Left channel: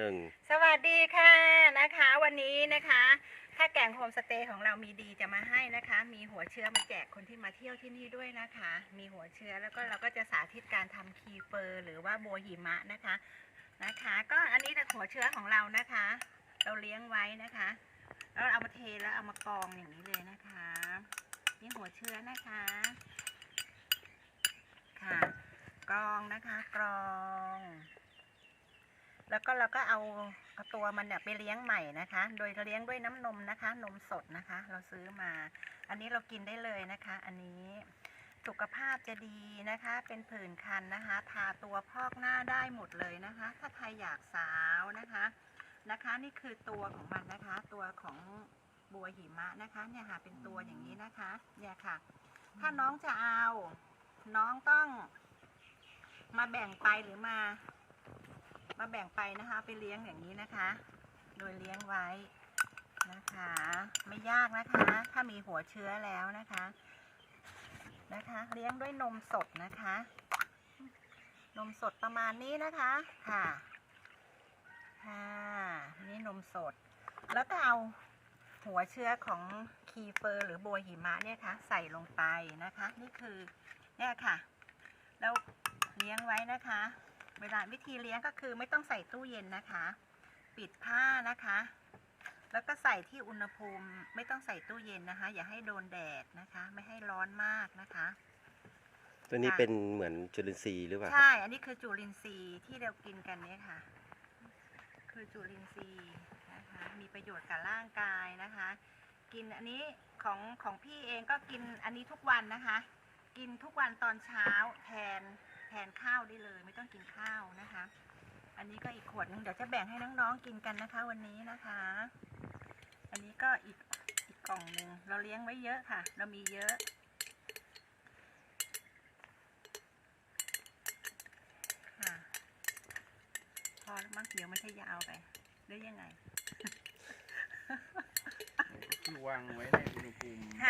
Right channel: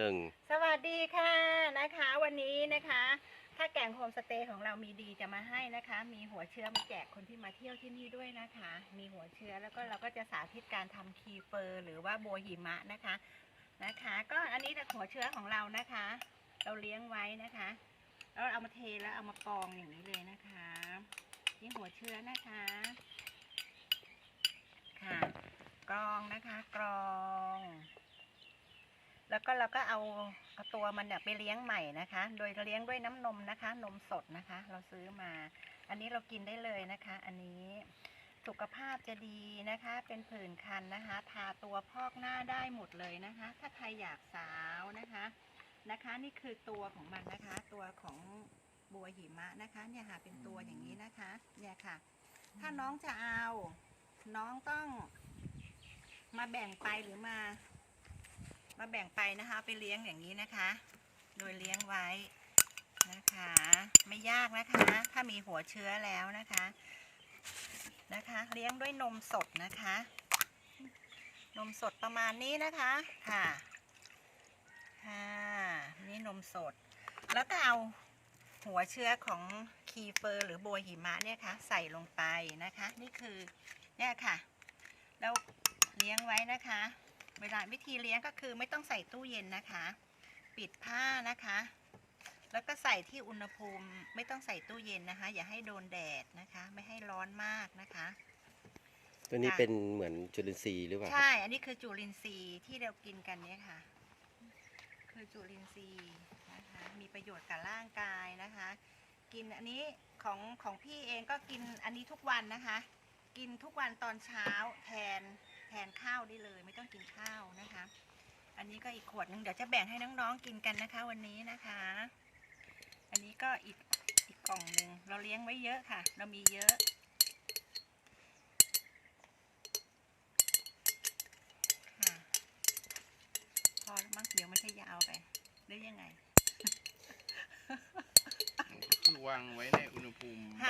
หนึ่งสวัสดีค่ะนะคะ วันนี้นะคะถ้าแกงโฮมสเตย์ของเรามีดีจะมาให้นะคะ มีหัวเชื้อมาแจกคนที่มาเที่ยวที่นี่ด้วยนะคะ มีหัวเชื้อแล้วก็เราก็จะสาธิตการทำคีเฟอร์ หรือว่าโบหิมะนะคะนะคะ ก็อันนี้แต่หัวเชื้อของเรานะคะ เราเลี้ยงไว้นะคะ แล้วเอามาเทแล้วเอามากองอย่างนี้เลยนะคะนี่หัวเชื้อนะคะค่ะกรองนะคะกรอง แล้วก็เราก็เอาเอาตัวมันเนี่ยไปเลี้ยงใหม่นะคะ โดยเลี้ยงด้วยน้ำนมนะคะ นมสดนะคะ เราซื้อมา อันนี้เรากินได้เลยนะคะ อันนี้สุขภาพจะดีนะคะ เป็นผื่นคันนะคะ ทาตัวพอกหน้าได้หมดเลยนะคะ ถ้าใครอยากสาวนะคะนะคะ นี่คือตัวของมันนะคะ ตัวของบัวหิมะนะคะ เนี่ยค่ะ เป็นตัวอย่างนี้นะคะ เนี่ยค่ะ ถ้าน้องจะเอา น้องต้องมาแบ่งไปหรือมา มาแบ่งไปนะคะไปเลี้ยงอย่างนี้นะคะ โดยเลี้ยงไว้นะคะ ไม่ยากนะคะ ถ้ามีหัวเชื้อแล้วนะคะนะคะ เลี้ยงด้วยนมสดนะคะ นมสดประมาณนี้นะคะค่ะค่ะนี่นมสด แล้วก็เอาหัวเชื้อของคีเฟอร์ หรือโบหิมะเนี่ยค่ะใส่ลงไปนะคะ นี่คือเนี่ยค่ะ แล้วเลี้ยงไว้นะคะ เวลาวิธีเลี้ยงก็คือไม่ต้องใส่ตู้เย็นนะคะ ปิดผ้านะคะ แล้วก็ใส่ที่อุณหภูมิไม่ต้องใส่ตู้เย็นนะคะ อย่าให้โดนแดดนะคะ ไม่ให้ร้อนมากนะคะ ตัวนี้ค่ะเป็นเหมือนจุลินทรีย์หรือเปล่าครับใช่ อันนี้คือจุลินทรีย์ที่เรากินกันเนี่ยค่ะ คือจุลินทรีย์นะคะ มีประโยชน์กับร่างกายนะคะ กินอันนี้ของของพี่เองก็กินอันนี้ทุกวันนะคะ กินทุกวันตอนเช้าแทน แทนข้าวได้เลย ไม่ต้องกินข้าวนะคะ อันนี้ก็อีกขวดหนึงเดี๋ยวจะแบ่งให้น้องๆกินกันนะคะ วันนี้นะคะ อันนี้ก็อีกอีกกล่องหนึ่งเราเลี้ยงไว้เยอะค่ะ เรามีเยอะค่ะพอแล้วมั้งเดี๋ยวมันจะยาวไปหรือยังไงก็คือวางไว้ในอุณหภูมิค่ะ